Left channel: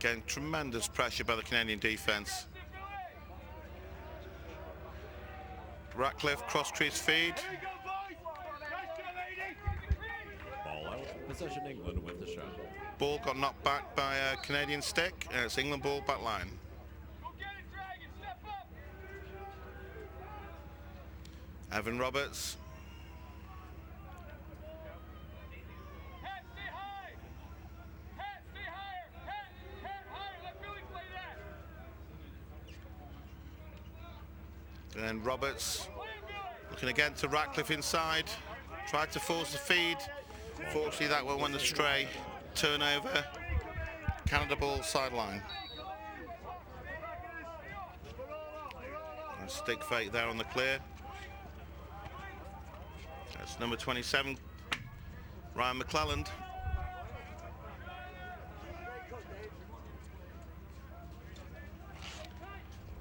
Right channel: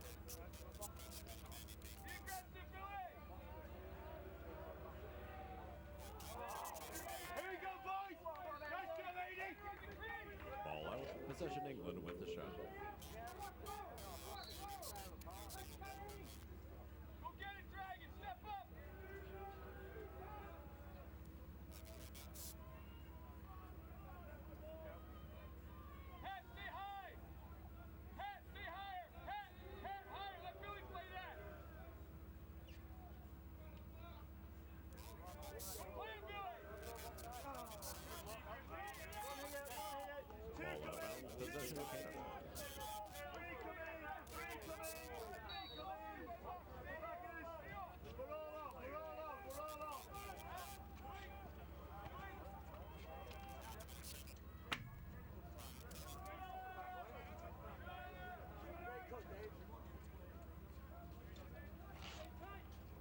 Again, tremendous pressure by the Canadian defence. Ratcliffe cross crease feed. Ball out. Possession England with the shot. Ball got knocked back by a Canadian stick. It's England ball back line. Evan Roberts. And then Roberts looking again to Ratcliffe inside. Tried to force the feed. Fortunately, that one went astray. Turnover. Canada ball sideline. And stick fake there on the clear. That's number 27, Ryan McClelland.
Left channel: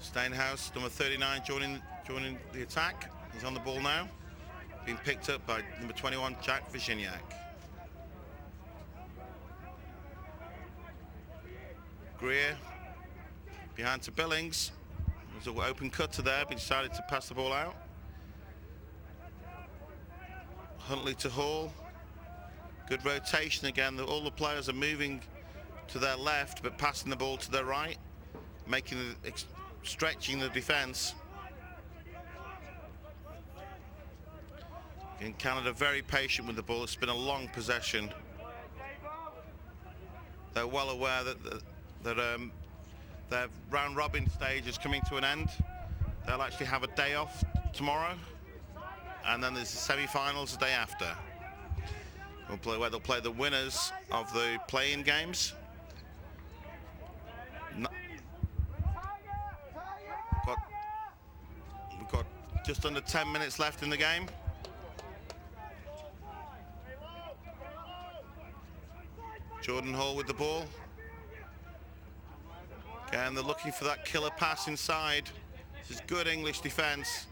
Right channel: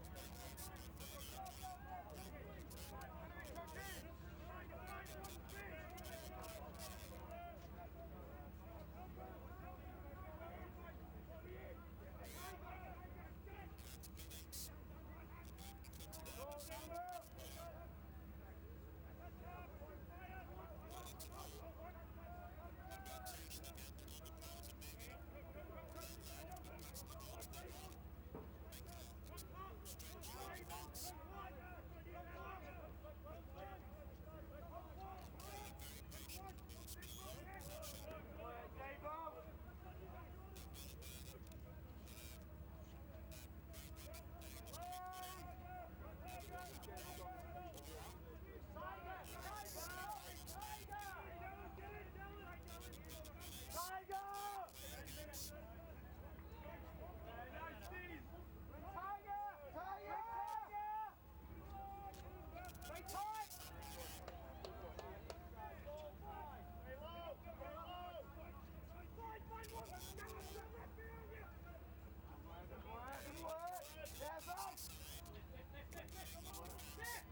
Steinhaus, number 39, joining the attack. He's on the ball now. Being picked up by number 21, Jack Virginiak. Greer behind to Billings. There's an open cutter there, but he decided to pass the ball out. Huntley to Hall. Good rotation again. All the players are moving to their left, but passing the ball to their right, making stretching the defence. In Canada, very patient with the ball. It's been a long possession. They're well aware that their round robin stage is coming to an end. They'll actually have a day off tomorrow, and then there's the semi-finals the day after. Where they'll play the winners of the play-in games. We've got just under 10 minutes left in the game. Jordan Hall with the ball. Again, they're looking for that killer pass inside. This is good English defence.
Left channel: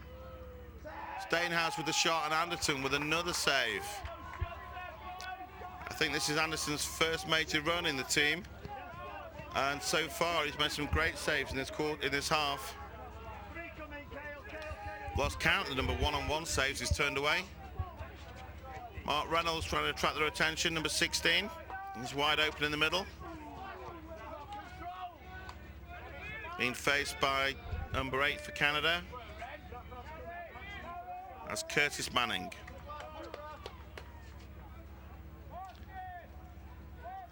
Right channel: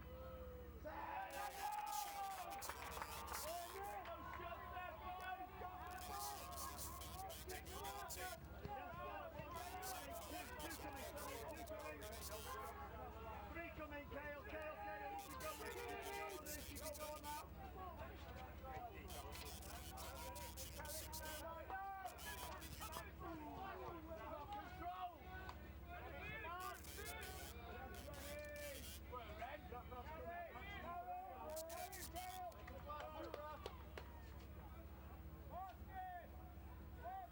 Steinhaus with the shot and Anderton with another save. I think this is Anderson's first major run in the team, and so far he's made some great saves in this half. Lost count. The number one-on-one saves is turned away. Mark Reynolds trying to attract their attention. Number 16. He's wide open in the middle. Being faced by number 8 for Canada. That's Curtis Manning.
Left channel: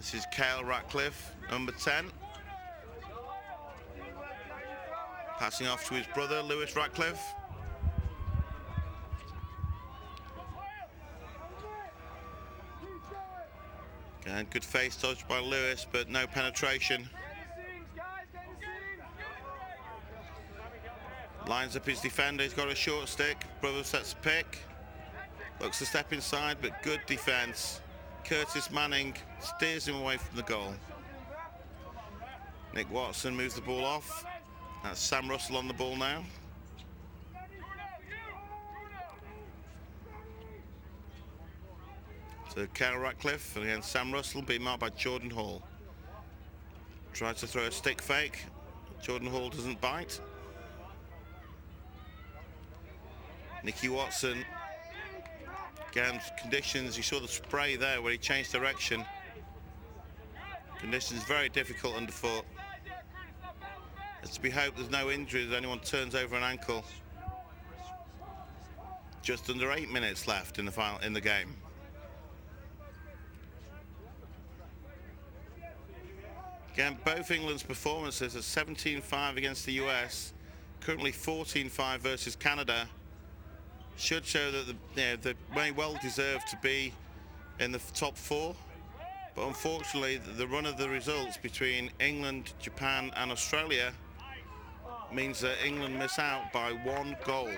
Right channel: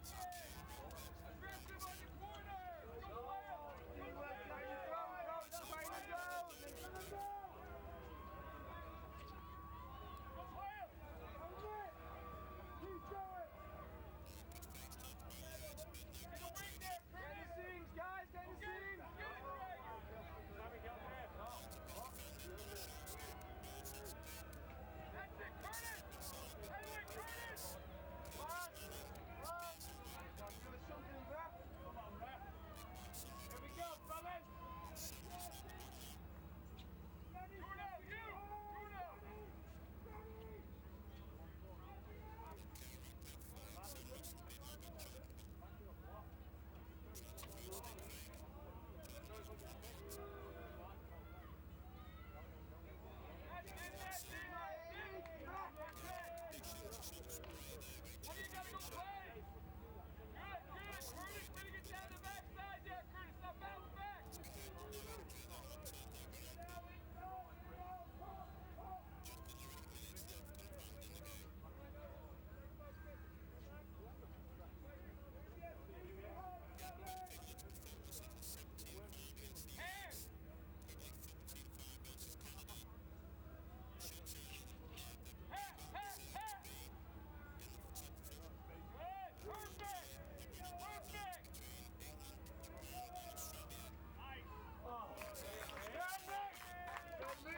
This is Cale Ratcliffe, number 10. Passing off to his brother, Lewis Ratcliffe. And good face touch by Lewis, but no penetration. Lines up his defender, he's got a short stick. Brother sets a pick. Looks to step inside, but good defence. Curtis Manning steers him away from the goal. Nick Watson moves the ball off. That's Sam Russell on the ball now. So Cale Ratcliffe, and again Sam Russell being marked by Jordan Hall. Tries to throw a stick fake. Jordan Hall doesn't bite. Nicky Watson. Again, conditions, you saw the spray there where he changed direction. Conditions very difficult underfoot. It's to be hoped there's no injuries if anyone turns over an ankle. Just under 8 minutes left in the game. Again, both England's performances are 17-5 against the US, currently 14-5 versus Canada. Should show that they may well deserve to be in the top 4, but unfortunately the run of the results between England, Japan and Australia means that England miss out by 1 goal.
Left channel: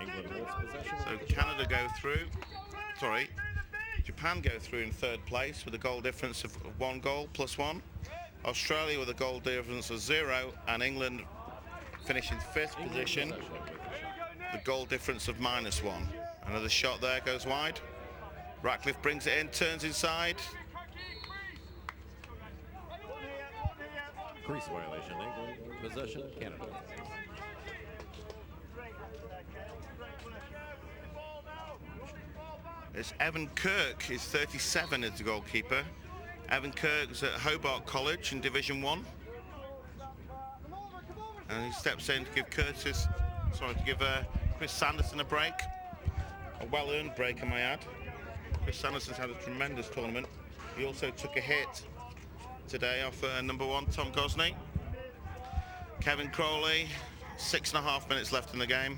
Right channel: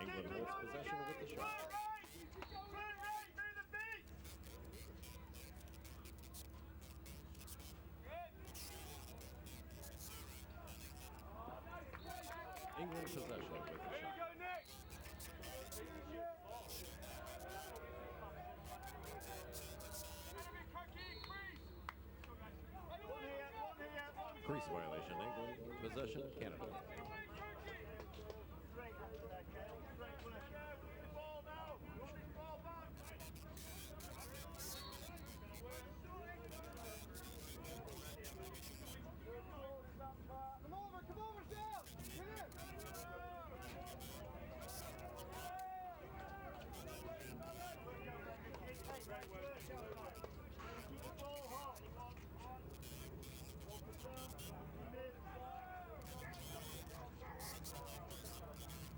England holds possession. So Canada go through, Japan go through in 3rd place with a goal difference of 1 goal plus 1. Australia with a goal difference of 0, and England finish in 5th position. The goal difference of -1. Another shot there goes wide. Ratcliffe brings it in, turns inside. Crease violation, England. Possession, Canada. It's Evan Kirk, he's 37 as the goalkeeper. Evan Kirk's at Hobart College in Division 1. And he steps in to give Chris Sanderson a break. A well-earned break, I may add. Chris Sanderson's had a tremendous tournament. He also took a hit today off number 1, Tom Gosney. Kevin Crowley, 6.5 minutes left in the game.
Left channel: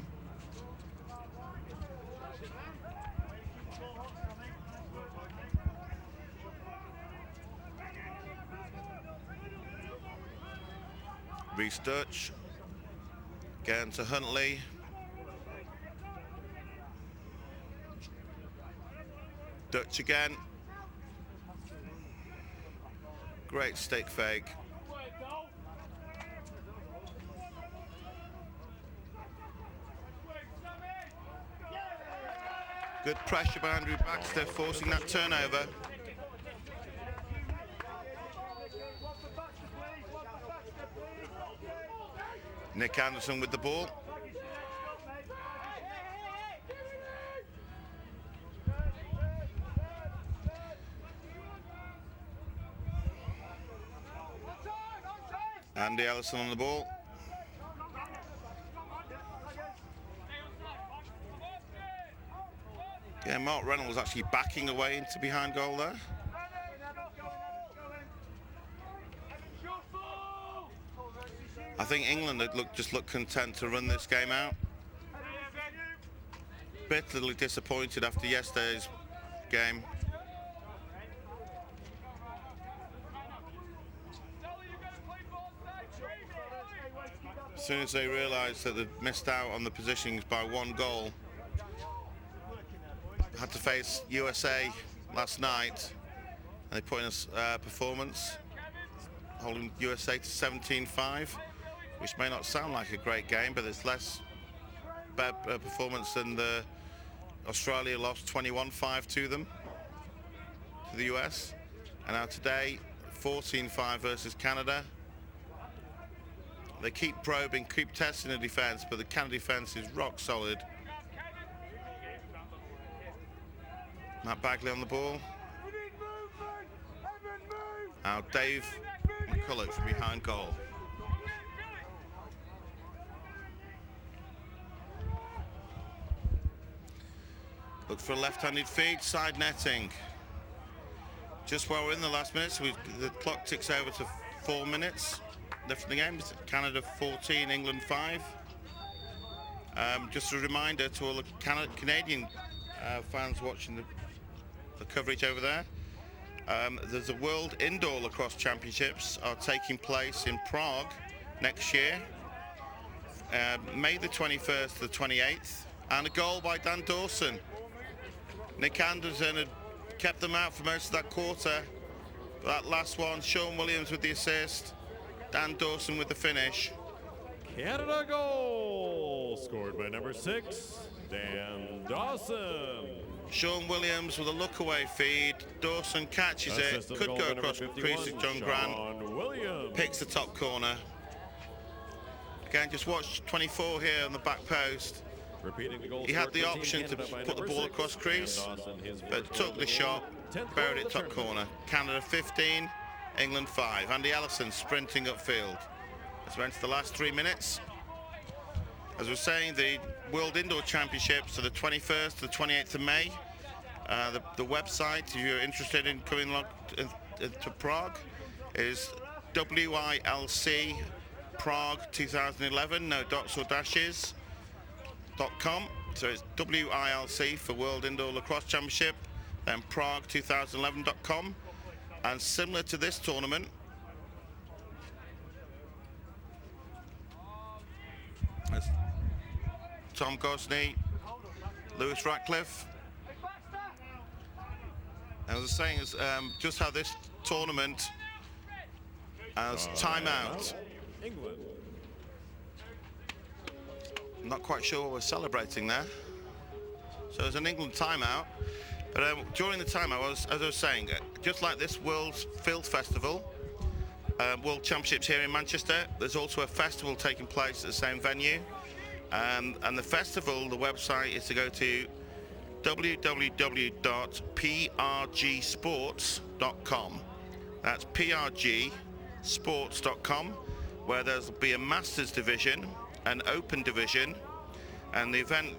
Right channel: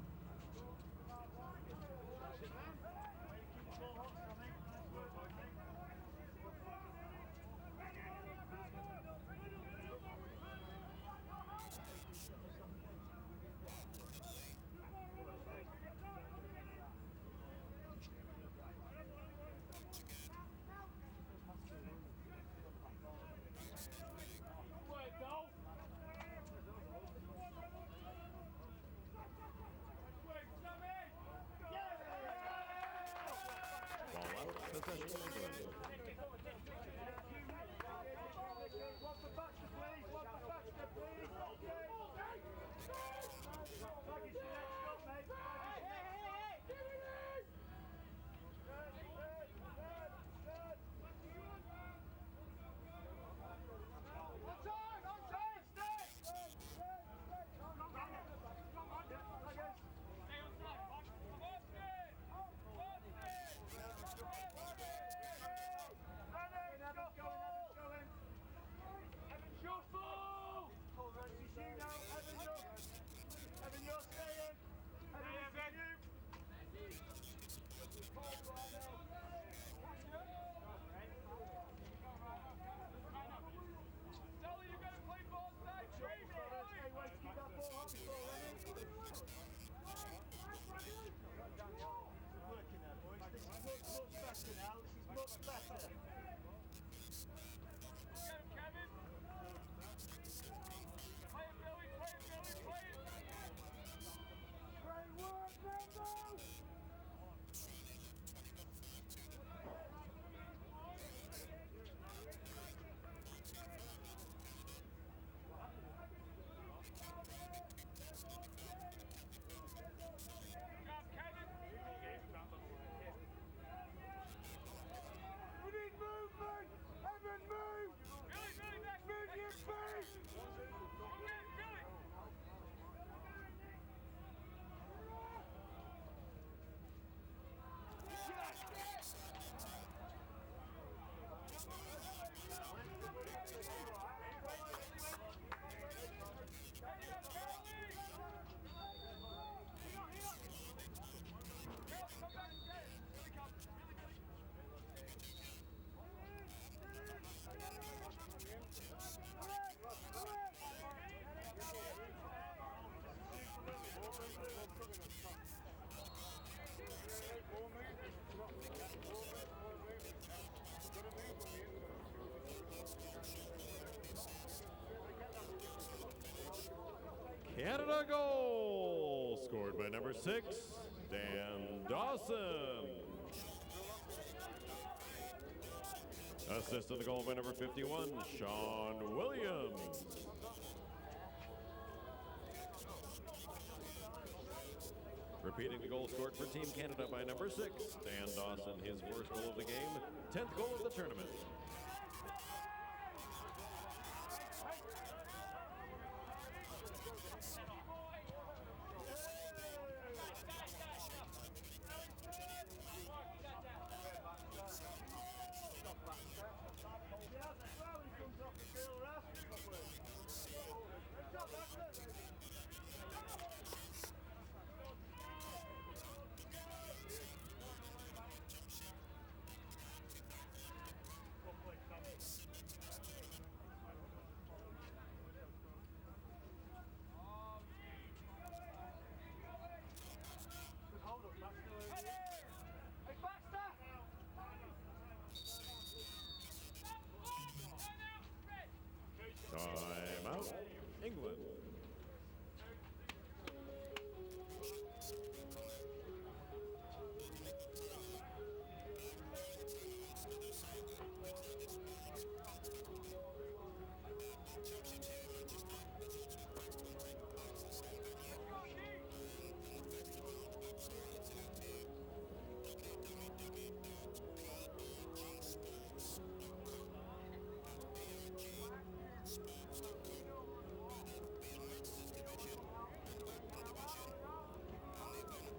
Reece Dutch, again to Huntley. Dutch again. Great stick fake. Good pressure by Andrew Baxter, forcing that turnover. Nick Anderson with the ball. Andy Ellison on the ball. Yeah, Mark Reynolds actually backing away into behind goal there. I think England had just looked content to run this game out. Bitterly disappointed after yesterday's game. As soon as they realised that they'd missed out on the positionings by 1 goal, had to face USA last night, and they put in a performance holding USA to 17-5, which may not sound like a great game, but it's less bad performance than the Australia lost 21-5 to them, to the US. And now today, 14-5 versus Canada. They keep probing, keep testing the defence, but the Canada defence is rock solid. Matt Bagley on the ball. Now Dave McCulloch from behind goal. Look for a left-handed feed, side netting. Just while we're in the last minutes, the clock ticks over to 4 minutes left in the game. Canada 14, England 5. Just a reminder to all the Canadian fans watching the coverage over there. There's a World Indoor Lacrosse Championships are taking place in Prague next year, May the 21st to the 28th, and a goal by Dan Dawson. Nick Anderson had kept them out for most of that quarter. That last one, Sean Williams with the assist, Dan Dawson with the finish. Canada goal scored by number 6, Dan Dawson. Sean Williams with a look-away feed. Dawson catches it, could go across the crease of John Grant. Picks the top corner. Again, just watch 24 here on the back post. Repeating the goal. He had the option to put the ball across crease, but took the shot, buried it top corner. Canada 15, England 5. Andy Ellison sprinting upfield. As we enter the last 3 minutes. As we're saying, the World Indoor Championships are the 21st to the 28th of May. The website, if you're interested in coming along to Prague, is WILC Prague 2011, no dots or dashes, .com. So it's WILC for World Indoor Lacrosse Championship, then Prague2011.com. And similar to this tournament, Tom Gosney, Lewis Ratcliffe. As I was saying, just how this tournament has timeout. England. Not quite sure what we're celebrating there. So there's an England timeout. But during the timeout, as I was saying, just like this World Field Festival, World Championships here in Manchester. There's also a festival taking place at the same venue. And the festival, the website is to go to www.prgsports.com. That's prgsports.com, where there'll be a Masters division, an Open division, and the event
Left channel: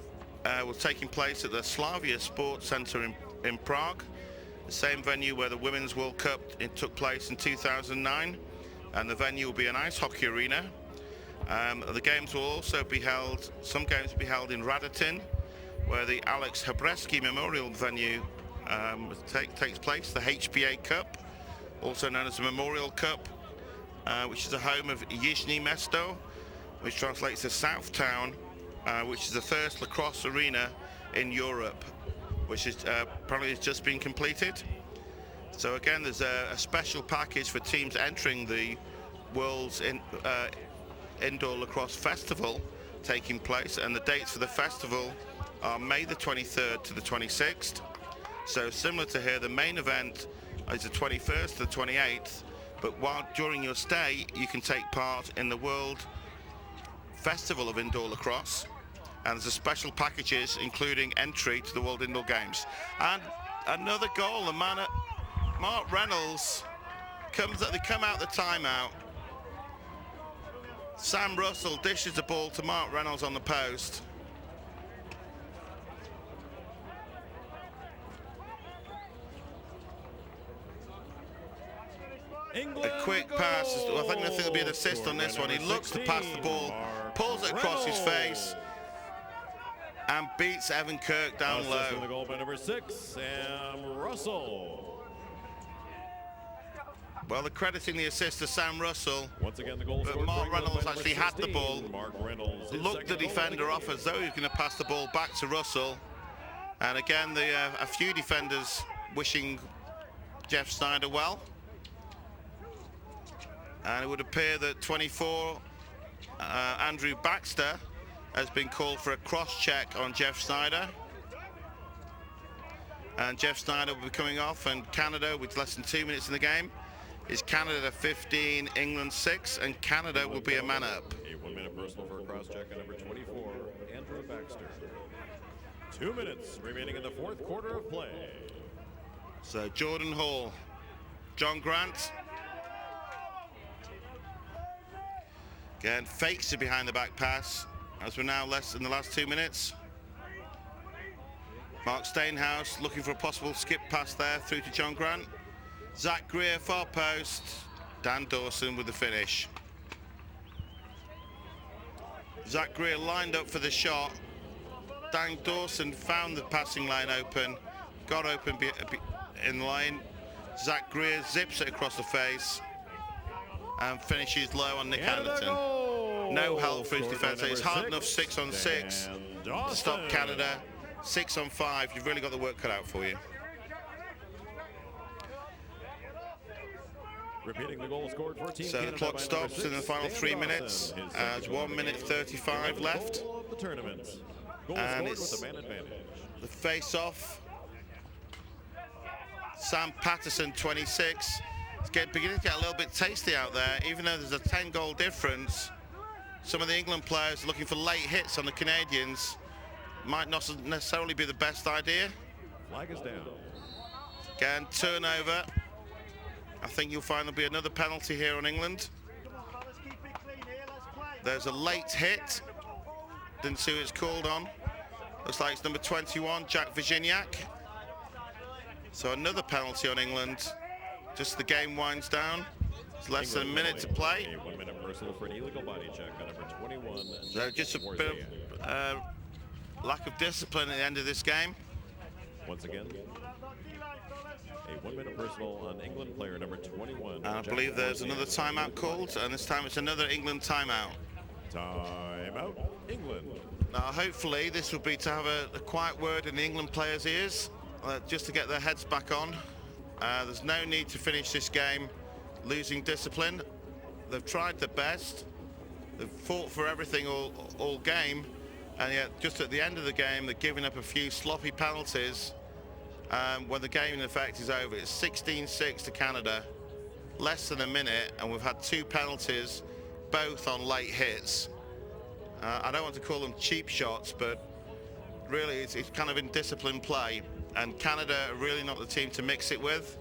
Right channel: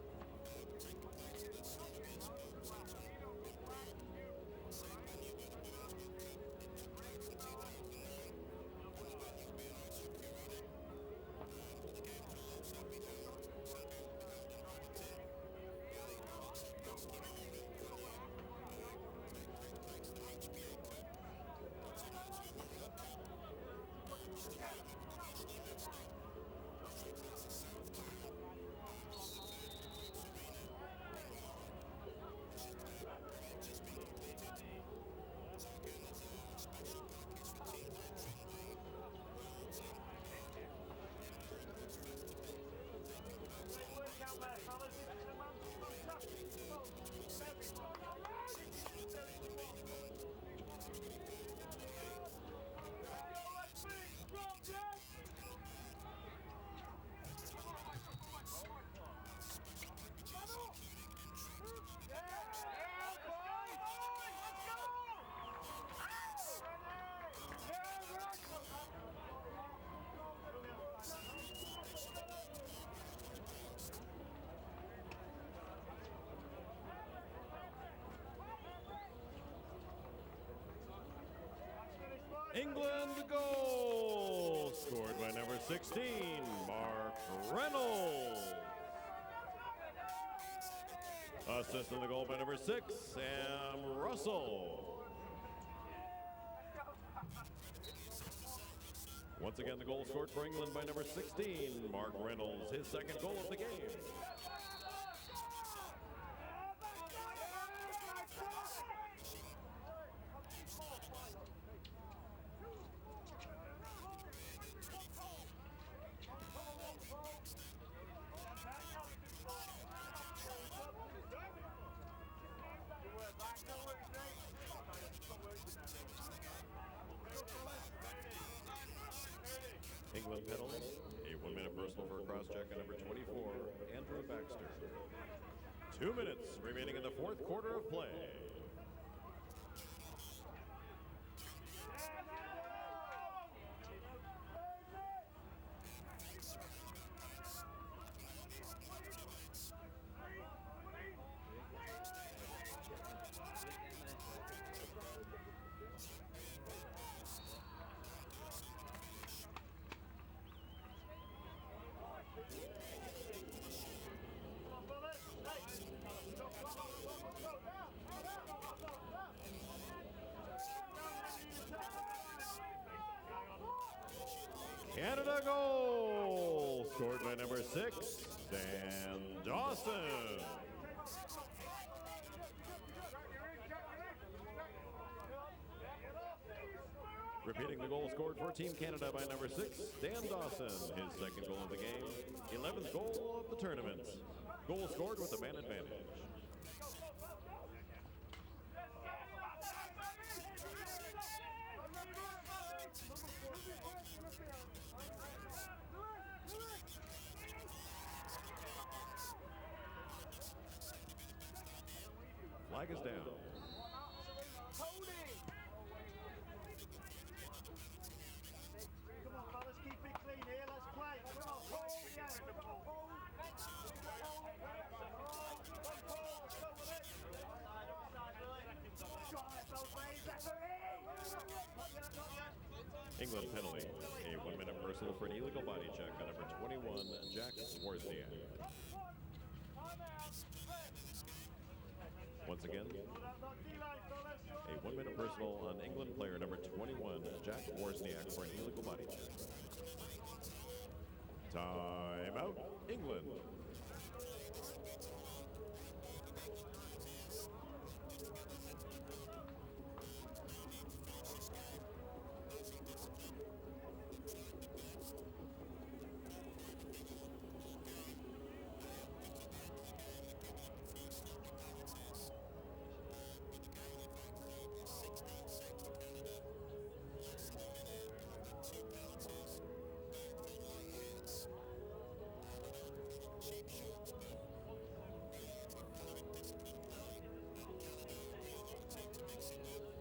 was taking place at the Slavia Sports Centre in Prague, the same venue where the Women's World Cup took place in 2009, and the venue will be an ice hockey arena. The games will also be held, some games will be held in Radotin, where the Alex Hebreski Memorial venue takes place, the HBA Cup, also known as the Memorial Cup, which is the home of Yizhny Mesto, which translates to South Town, which is the first lacrosse arena in Europe, which is probably has just been completed. So again, there's a special package for teams entering the World's Indoor Lacrosse Festival taking place, and the dates for the festival are May the 23rd to the 26th. So similar to here, the main event is the 21st to the 28th, but during your stay you can take part in the World Festival of Indoor Lacrosse, and there's a special packages including entry to the World Indoor Games. And another goal, the man at Mark Reynolds they come out the timeout. Sam Russell dishes the ball to Mark Reynolds on the post. England A quick pass. I think there'll be an assist on this one. He looks to pass the ball, pulls it across his face, and beats Evan Kirk down Assist in the low. goal by number 6, Sam Russell. Well, they're crediting the assist to Sam Russell. Once again, the goal But scored Mark for England Reynolds by number actually had the 16, ball, Mark Reynolds, his Looked the second goal of defender off game. as though he was going to pass the ball back to Russell. And again, a few defenders wishing Jeff Snyder well. And it would appear that 24, Andrew Baxter, has been called for a cross-check on Jeff Snyder. And Jeff Snyder will be coming off, and Canada, with less than 2 minutes in the game, is Canada 15, England 6, and Canada will be a man up. A 1-minute personal for a cross-check on number 24, Andrew Baxter. 2 minutes remaining in the fourth quarter of play. So Jordan Hall, John Grant. Again, fakes a behind the back pass, as we're now less in the last 2 minutes. Mark Stainhouse looking for a possible skip pass there through to John Grant. Zach Greer, far post. Dan Dawson with the finish. Zach Greer lined up for the shot. Dan Dawson found the passing line open, got open in line. Zach Greer zips it across the face and finishes low on Nick Hamilton. No help for his defence. It's hard enough 6 on 6 to stop Canada. 6 on 5, you've really got the work cut out for you. Repeating the goal scored for Team So the Canada clock by stops number in the 6, final Dan 3 Dawson. minutes. His It's second goal 1 of the minute game. 35 left. Goal of the tournament. Goal And scored it's with the man advantage. the face-off. Sam Patterson, 26. It's beginning to get a little bit tasty out there, even though there's a 10-goal difference. Some of the England players are looking for late hits on the Canadians. Might not necessarily be the best idea. Flag is down. Again, turnover. I think you'll find there'll be another penalty here on England. There's a late hit. Didn't see who it's called on. Looks like it's number 21, Jack Virginiak. So another penalty on England. Just the game winds down. It's less than a minute to play. A 1-minute personal for an illegal body check on number 21. So just a bit of lack of discipline at the end of this game. Once again, a 1-minute personal on England player number 21. And I believe there's another timeout called, and this time it's another England timeout. Timeout, England. Now hopefully this will be to have a quiet word in the England players' ears, just to get their heads back on. There's no need to finish this game losing discipline. They've tried their best. They've fought for everything all game, and yet just at the end of the game they're giving up a few sloppy penalties when the game in effect is over. It's 16-6 to Canada. less than a minute, and we've had 2 penalties, both on late hits. I don't want to call them cheap shots, but really it's kind of indisciplined play, and Canada are really not the team to mix it with.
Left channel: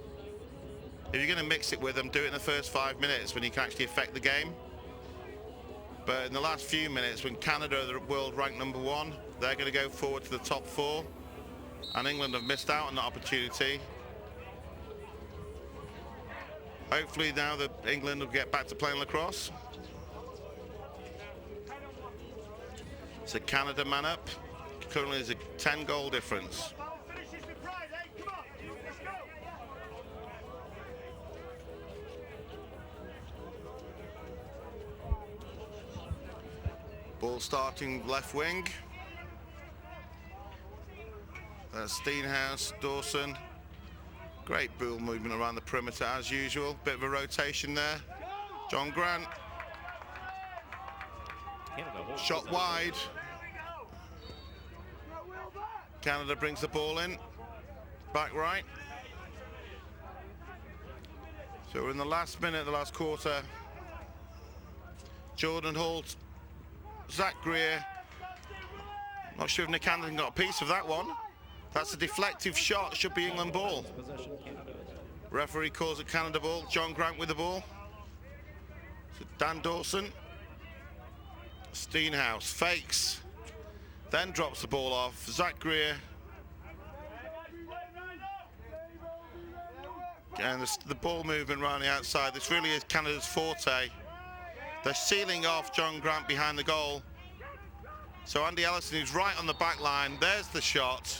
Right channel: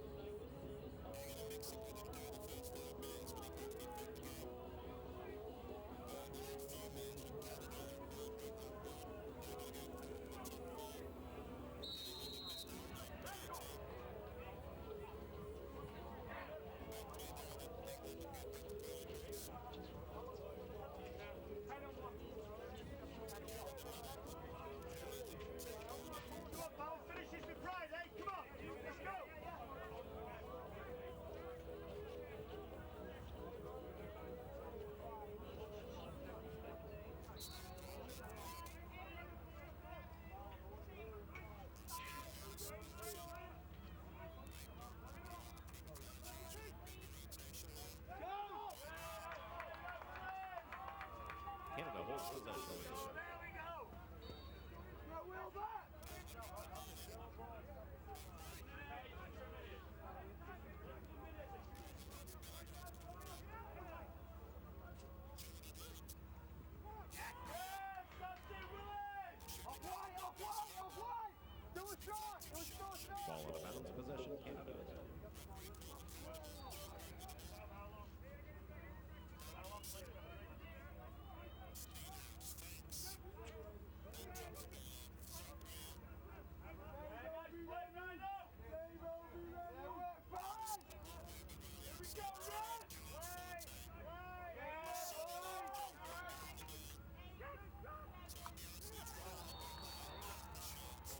If you're going to mix it with them, do it in the first 5 minutes when you can actually affect the game. But in the last few minutes, when Canada are the world ranked #1, they're going to go forward to the top 4, and England have missed out on that opportunity. Hopefully now that England will get back to playing lacrosse. It's a Canada man up. Currently there's a 10-goal difference. Ball starting left wing. Steenhouse, Dawson. Great ball movement around the perimeter as usual. Bit of a rotation there. John Grant. Shot wide. Canada brings the ball in. Back right. So we're in the last minute, the last quarter. Jordan Holt. Zach Greer. Not sure if Nick Anderson got a piece of that one. That's a deflective shot, should be England ball. Referee calls it Canada ball. John Grant with the ball. So Dan Dawson. Steenhouse fakes, then drops the ball off. Zach Greer. And the ball movement around the outside, this really is Canada's forte. They're sealing off John Grant behind the goal. So Andy Ellison is right on the back line. There's the shot.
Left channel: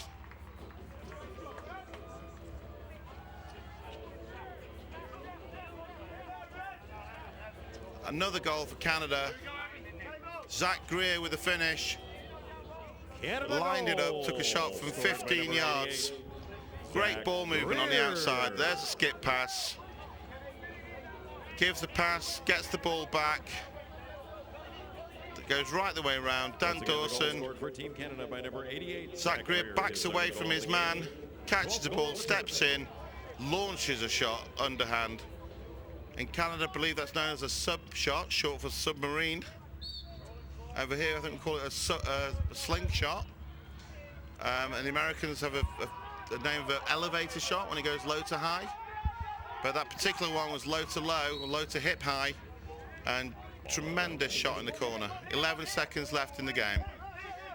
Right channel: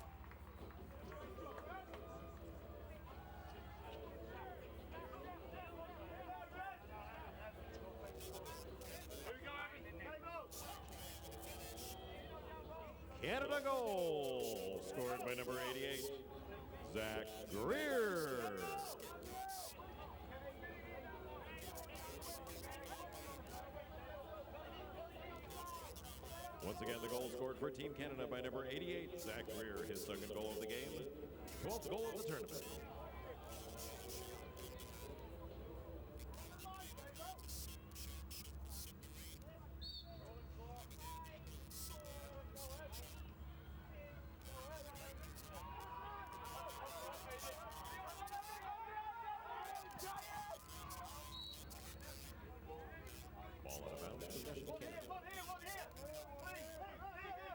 Another goal for Canada. Zach Greer with the finish. Canada lined it up, goal. took a shot from Scored by 15 number yards. 88. Great Zach ball movement on the Greer. outside. There's a skip pass. Gives the pass, gets the ball back. It goes right the way around. Dan Once again, the goal Dawson. scored for Team Canada by number 88. Zach Greer backs his away second from goal his of the man, game. catches the 12th ball, goal steps in, launches a shot underhand. In Canada, I believe that's known as a sub shot, short for submarine. Over here, I think we call it a slingshot. And the Americans have a name of an elevator shot when it goes low to high. But that particular one was low to low, or low to hip high, and tremendous shot in the corner. 11 seconds left in the game.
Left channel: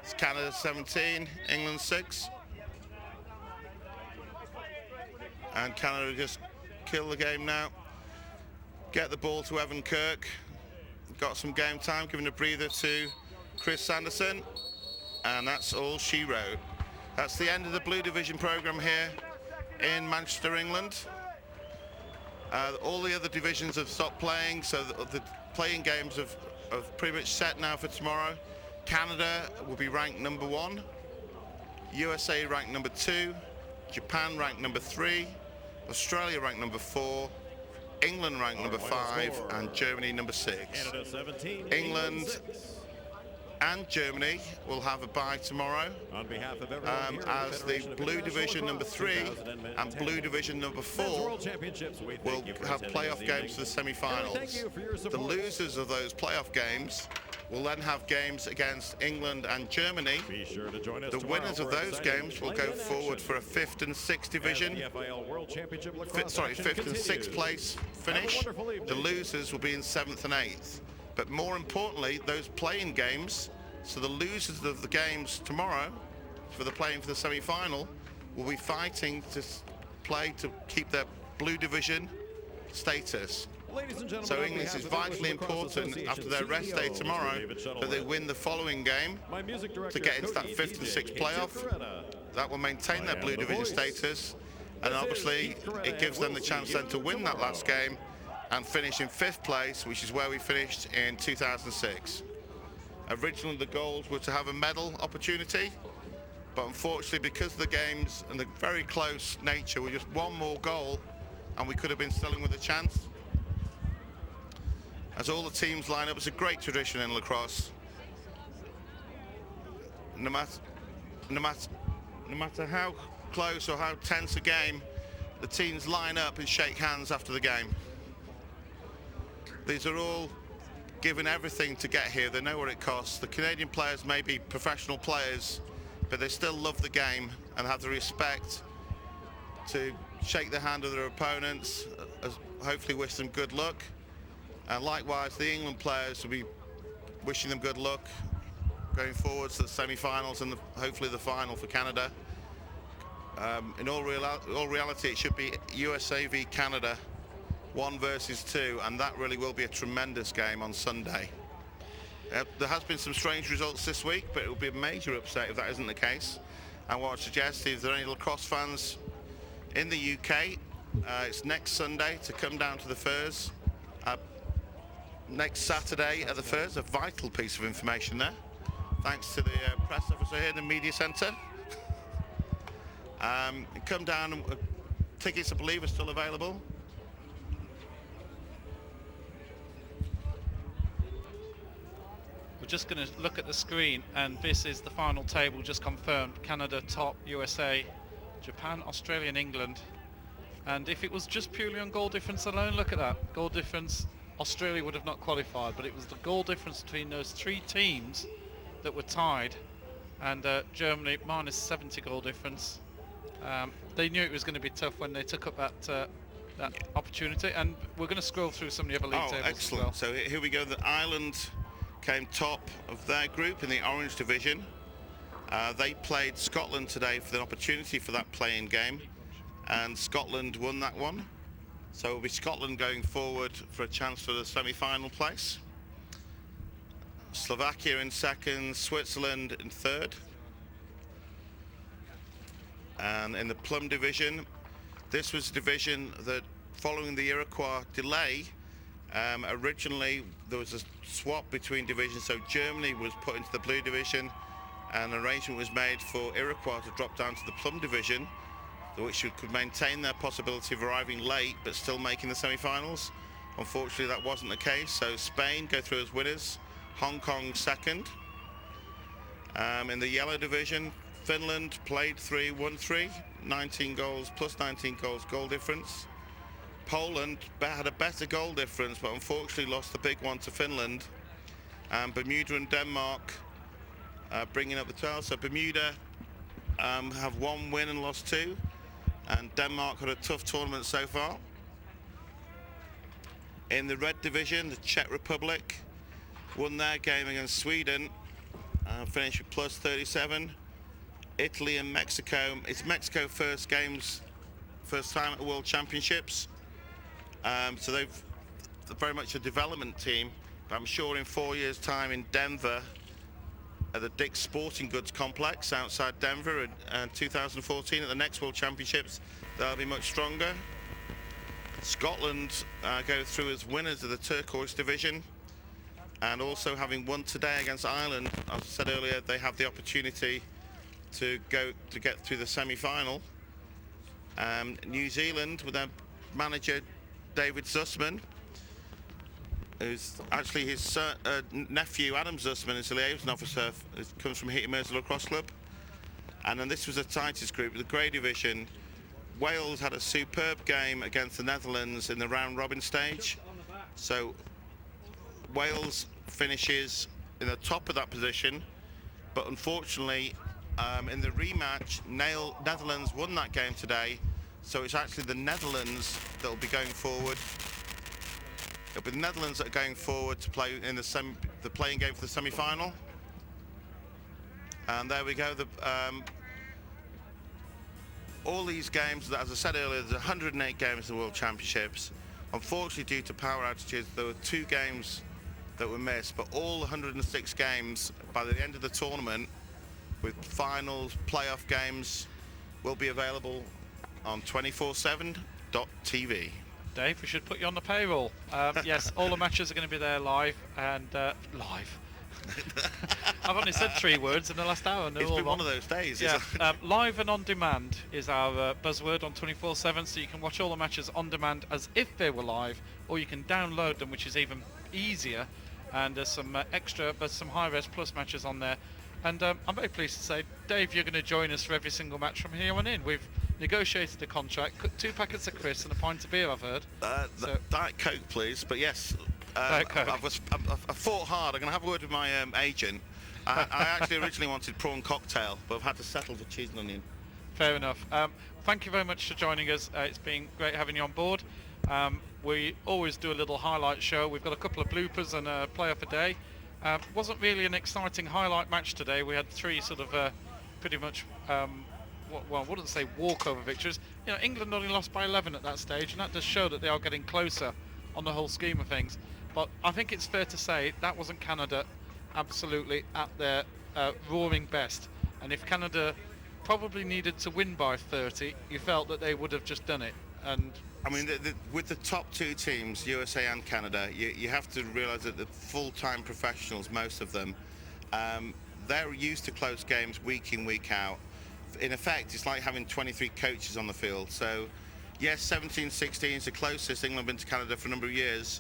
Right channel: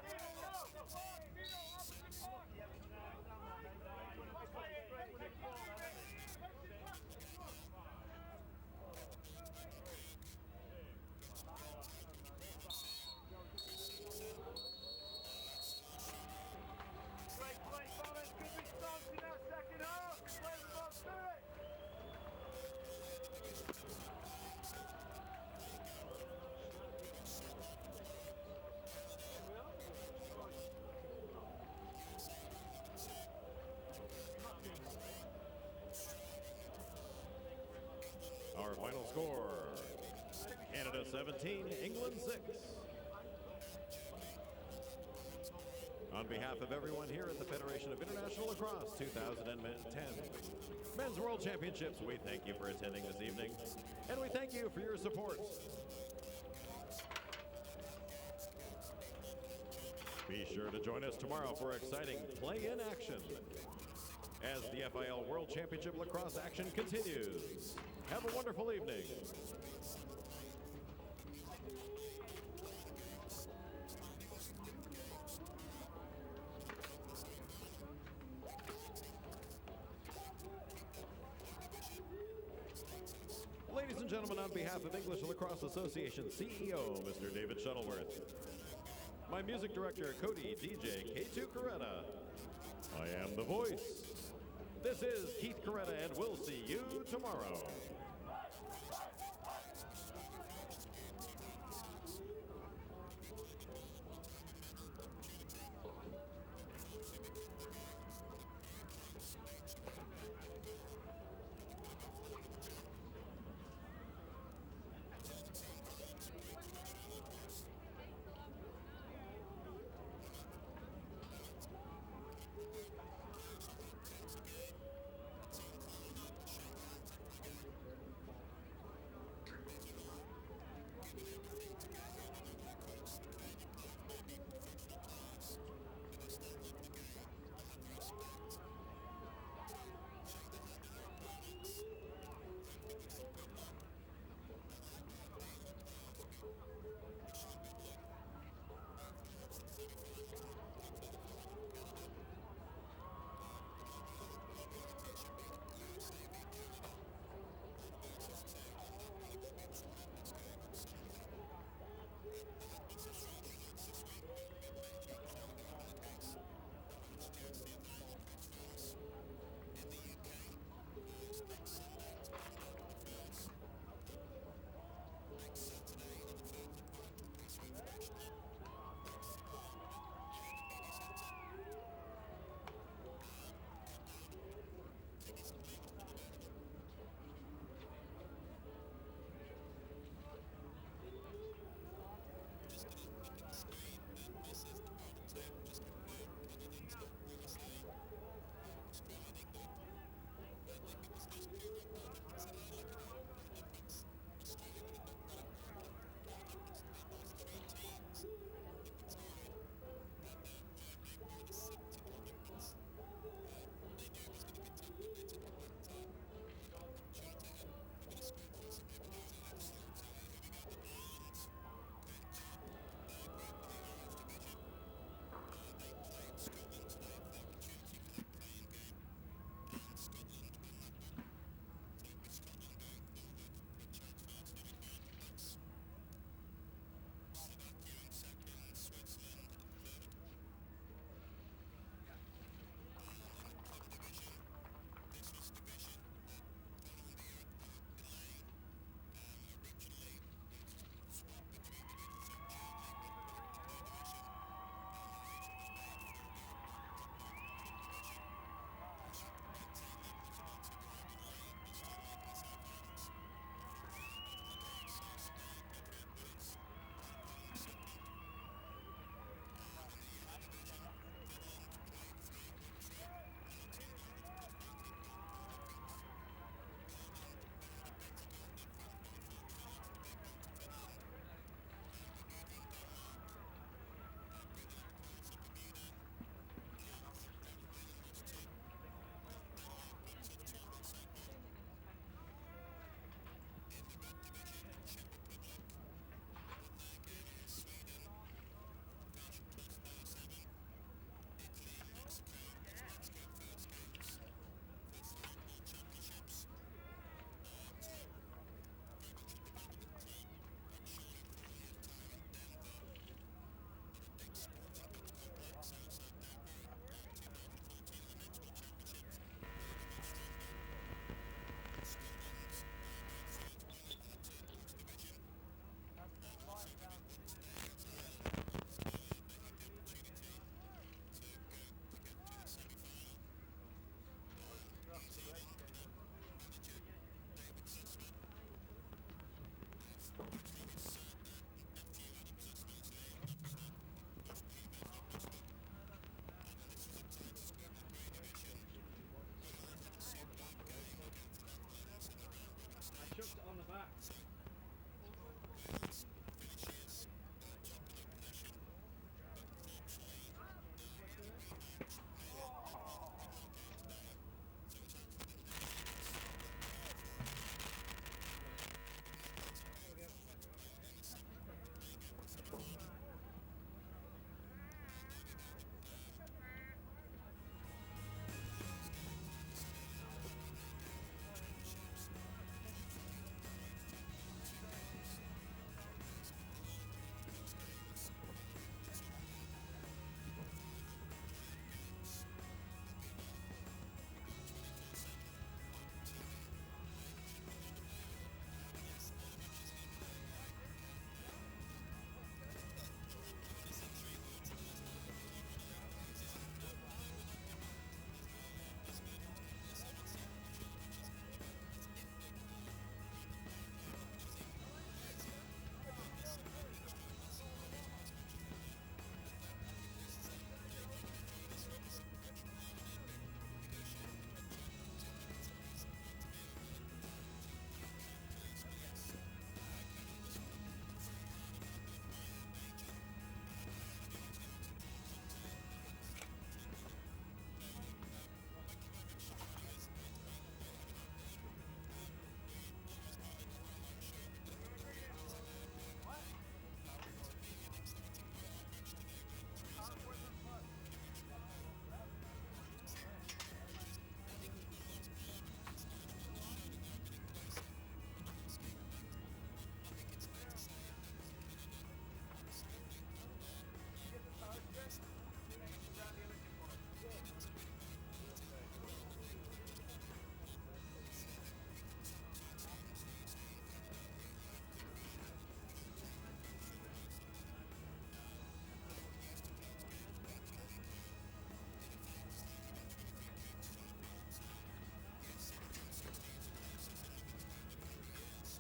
It's Canada 17, England 6. And Canada just kill the game now. Get the ball to Evan Kirk. Got some game time, giving a breather to Chris Sanderson. And that's all she wrote. That's the end of the Blue Division program here in Manchester, England. All the other divisions have stopped playing, so the playing games have pretty much set now for tomorrow. Canada will be ranked number 1, USA ranked number 2, Japan ranked number 3, Australia ranked number 4, England ranked number 5, and Germany number 6. Canada 17, England 6. and Germany will have a bye tomorrow. On behalf of everyone here at As the the Federation of Blue International Division number Lacrosse 3 and 2010 Blue Division number 4 Men's World Championships, we will thank you for have attending playoff this games evening. for the And we semi-finals. thank you for your The support. losers of those playoff games will then have games against England and Germany. Be sure to join us The tomorrow winners of for those exciting games will go play-in forward action. for a 5th and 6th division. As the FIL World Championship lacrosse action 5th and 6th continues. place Have a finish. wonderful The evening. losers will be in 7th and 8th. But more importantly, those playing games, so the losers of the games tomorrow for the playing for the semi-final will be fighting to play to keep their Blue Division status. Ladies and gentlemen, So on England behalf is of English vitally Lacrosse important Association after their rest day CEO, Mr. tomorrow David that they Shuttleworth. win the following game My music director, to get into that Cody 5th and DJ 6th Keith playoff. Coretta. That will maintain I their am Blue the Division voice. status, This and is obviously Keith Coretta, it gives and them the we'll chance see then to you win that tomorrow. last game and finish in 5th place, which is where we finished in 2006. Originally the goals were to have a medal opportunity, but unfortunately because of the games and the very close nature, with just one more goal and we could have been still in with a chance. As all the teams line up, it's a great tradition in lacrosse. No matter how close or how tense a game, the teams line up and shake hands after the game. These are all given everything to get here. They know what it costs. The Canadian players may be professional players, but they still love the game and have the respect to shake the hand of their opponents, hopefully wish them good luck. And likewise, the England players will be wishing them good luck going forwards to the semi-finals and hopefully the final for Canada. In all reality, it should be USA v Canada, 1 versus 2, and that really will be a tremendous game on Sunday. There has been some strange results this week, but it will be a major upset if that isn't the case. And what I'd suggest is, there are any lacrosse fans in the UK, it's next Sunday to come down to the Firs. Next Saturday at the Firs, a vital piece of information there. Thanks to the press officer here in the media centre. Come down, and tickets I believe are still available. We're just going to look at the screen, and this is the final table just confirmed. Canada top, USA, Japan, Australia and England. And if it was just purely on goal difference alone, look at that. Goal difference, Australia would have not qualified, but it was the goal difference between those 3 teams that were tied. And Germany minus 70 goal difference. They knew it was going to be tough when they took up that opportunity, and we're going to scroll through some of the other league tables excellent. as well. So here we go. The Ireland came top of their group in the Orange Division. They played Scotland today for the opportunity for that play-in game, and Scotland won that one. So it'll be Scotland going forward for a chance for the semi-final place. Slovakia in second, Switzerland in third. And in the Plum Division, this was a division that, following the Iroquois delay, originally there was a swap between divisions, so Germany was put into the Blue Division, and an arrangement was made for Iroquois to drop down to the Plum Division, which could maintain their possibility of arriving late but still making the semi-finals. Unfortunately, that wasn't the case, so Spain go through as winners, Hong Kong second. In the Yellow Division, Finland played 3, won 3, 19 goals, plus 19 goals goal difference. Poland had a better goal difference, but unfortunately lost the big one to Finland. And Bermuda and Denmark bringing up the tail. So Bermuda have 1 win and lost 2, and Denmark had a tough tournament so far. In the Red Division, the Czech Republic won their game against Sweden, finished with plus 37. Italy and Mexico, it's Mexico first time at the World Championships. So they're very much a development team, but I'm sure in 4 years' time in Denver, at the Dick's Sporting Goods Complex outside Denver in 2014 at the next World Championships, they'll be much stronger. Scotland go through as winners of the Turquoise Division, and also having won today against Ireland, as I said earlier, they have the opportunity to get through the semi-final. New Zealand with their manager David Zussman, who's actually his nephew Adam Zussman is a liaison officer, comes from Heaton Mersey Lacrosse Club. And then this was the tightest group, the Grey Division. Wales had a superb game against the Netherlands in the round robin stage. So Wales finishes in the top of that position, but unfortunately in the rematch, Netherlands won that game today, so it's actually the Netherlands that will be going forward. It'll be the Netherlands that are going forward to play in the playing game for the semi-final. And there we go. All these games, as I said earlier, there's 108 games in the World Championships. Unfortunately, due to power outages, there were 2 games that were missed, but all 106 games by the end of the tournament, with finals, playoff games, will be available on 247.tv. Dave, we should put you on the payroll. Yes, all the matches are going to be there live, and live. I've only said 3 words in the last hour. It's been one of those days. Yeah, live and on demand is our buzzword on 24/7, so you can watch all the matches on demand as if they were live, or you can download them, which is even easier. And there's some extra, but some high-res plus matches on there. And I'm very pleased to say, Dave, you're going to join us for every single match from here on in. We've negotiated a contract, 2 packets of crisps and a pint of beer, I've heard. Diet Coke, please. But yes, Diet Coke. I fought hard. I'm going to have a word with my agent. I actually originally wanted prawn cocktail, but I've had to settle for cheese and onion. Fair enough. Thank you very much for joining us. It's been great having you on board. We always do a little highlight show. We've got a couple of bloopers and a player for day. Wasn't really an exciting highlight match today. We had three sort of pretty much, well, I wouldn't say walkover victories. You know, England only lost by 11 at that stage, and that does show that they are getting closer on the whole scheme of things. But I think it's fair to say that wasn't Canada absolutely at their roaring best. And if Canada probably needed to win by 30, you felt that they would have just done it. And I mean, with the top two teams, USA and Canada, you have to realise that the full-time professionals, most of them, they're used to close games week in, week out. In effect, it's like having 23 coaches on the field. So, yes, 17-16 is the closest England been to Canada for a number of years.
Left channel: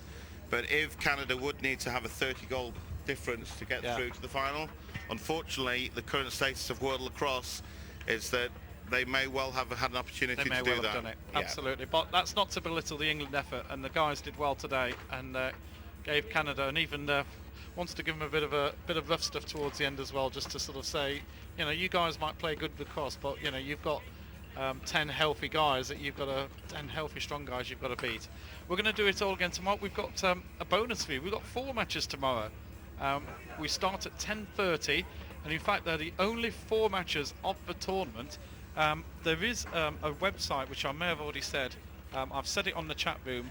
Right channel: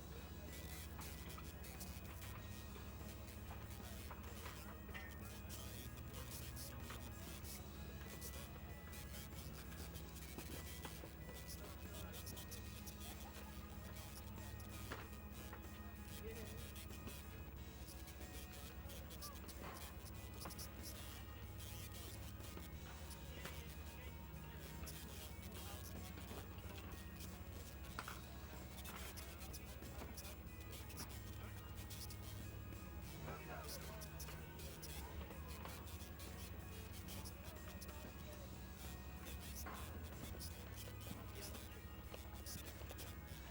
But if Canada would need to have a 30-goal difference to get through to the final, unfortunately, the current status of world lacrosse is that they may well have had an opportunity to do that. They may well have done it, absolutely. But that's not to belittle the England effort, and the guys did well today and gave Canada, and even wants to give them a bit of rough stuff towards the end as well, just to sort of say, you know, you guys might play good lacrosse, but you know, you've got 10 healthy guys that you've got 10 healthy, strong guys you've got to beat. We're going to do it all again tomorrow. We've got a bonus for you. We've got 4 matches tomorrow. We start at 10:30, and in fact, they're the only 4 matches of the tournament. There is a website which I may have already said. I've said it on the chat room,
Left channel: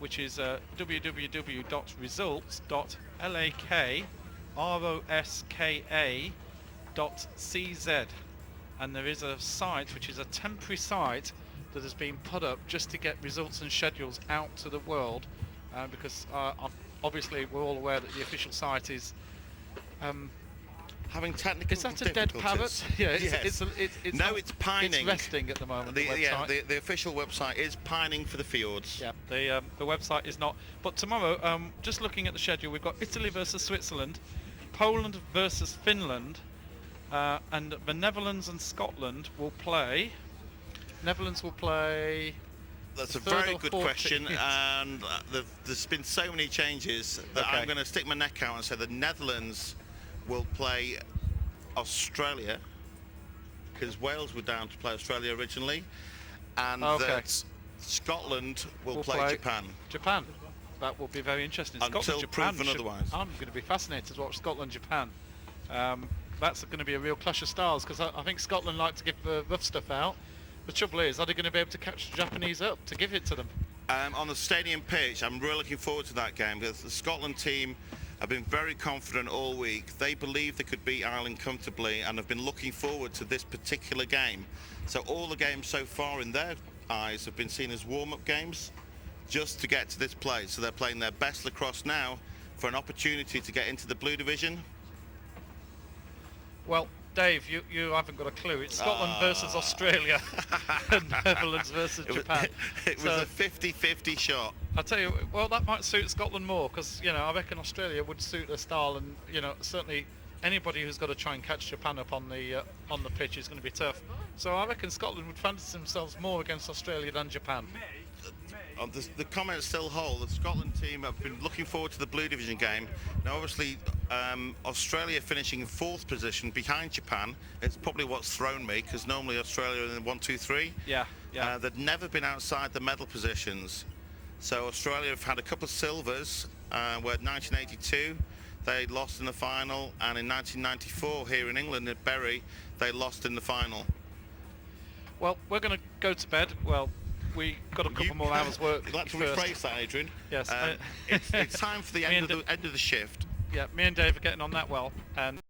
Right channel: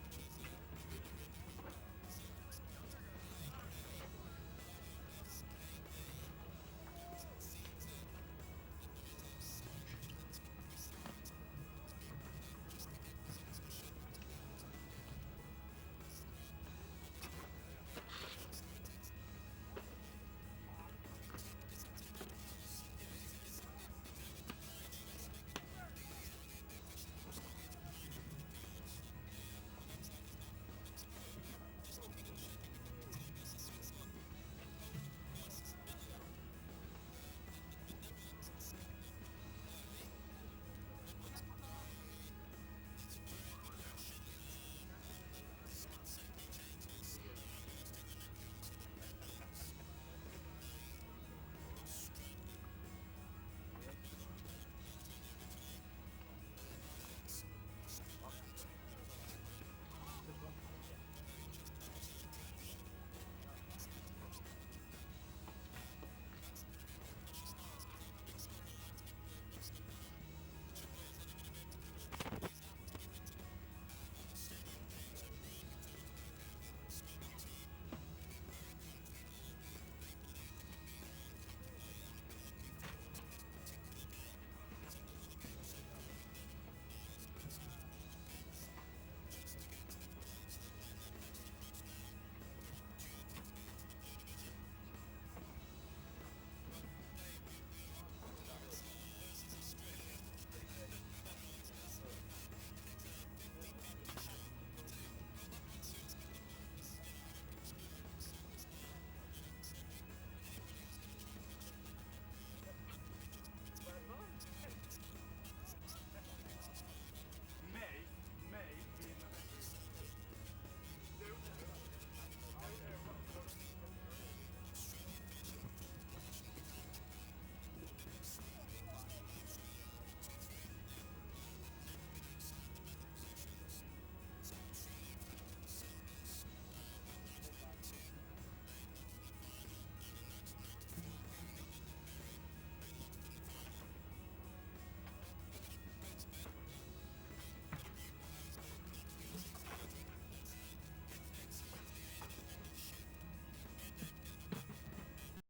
which is www.results.lakrOska.cz, and there is a site which is a temporary site that has been put up just to get results and schedules out to the world, because obviously we're all aware that the official site is having technical Is that a dead parrot? Yeah, it's pining. It's resting at the moment. The official website is pining for the fjords. Yeah, the website is not. But tomorrow, just looking at the schedule, we've got Italy versus Switzerland, Poland versus Finland, and the Netherlands and Scotland will play. Netherlands will play. That's a very good question, and there's been so many changes that I'm going to stick my neck out and say the Netherlands will play Australia, because Wales were down to play Australia originally, and that Scotland will play Japan. Japan. That will be very interesting. Until proven otherwise. I'm going to be fascinated to watch Scotland-Japan. That's going to be a real clash of styles, because I think Scotland like to give rough stuff out. The trouble is, are they going to be able to catch the Japanese up to give it to them? On the stadium pitch, I'm really looking forward to that game, because the Scotland team have been very confident all week. They believe they could beat Ireland comfortably and have been looking forward to this particular game. So all the games so far in their eyes have been seen as warm-up games just to get to this place. So they're playing their best lacrosse now for an opportunity to get into the blue division. Well, Dave, you haven't got a clue. It's Scotland versus Australia and Netherlands versus Japan. It was a 50-50 shot. I'll tell you, well, that might suit Scotland more, because, you know, I reckon Australia would suit their style, and, you know, certainly anybody who's got to try and catch Japan up on the pitch is going to be tough. So I reckon Scotland would fancy themselves more against Australia than Japan. The comments still hold. The Scotland team have been looking forward to the Blue Division game. Now, obviously, Australia finishing in 4th position behind Japan. It's probably what's thrown me, because normally Australia are in 1, 2, 3. Yeah. They've never been outside the medal positions. So Australia have had a couple of silvers, where 1982 they lost in the final, and in 1994 here in England at Bury they lost in the final. Well, we're going to go to bed. Well, we got a couple more hours work. You'd like to rephrase that, Adrian? Yes. It's time for the end of the shift. Yeah, me and Dave are getting on that well, and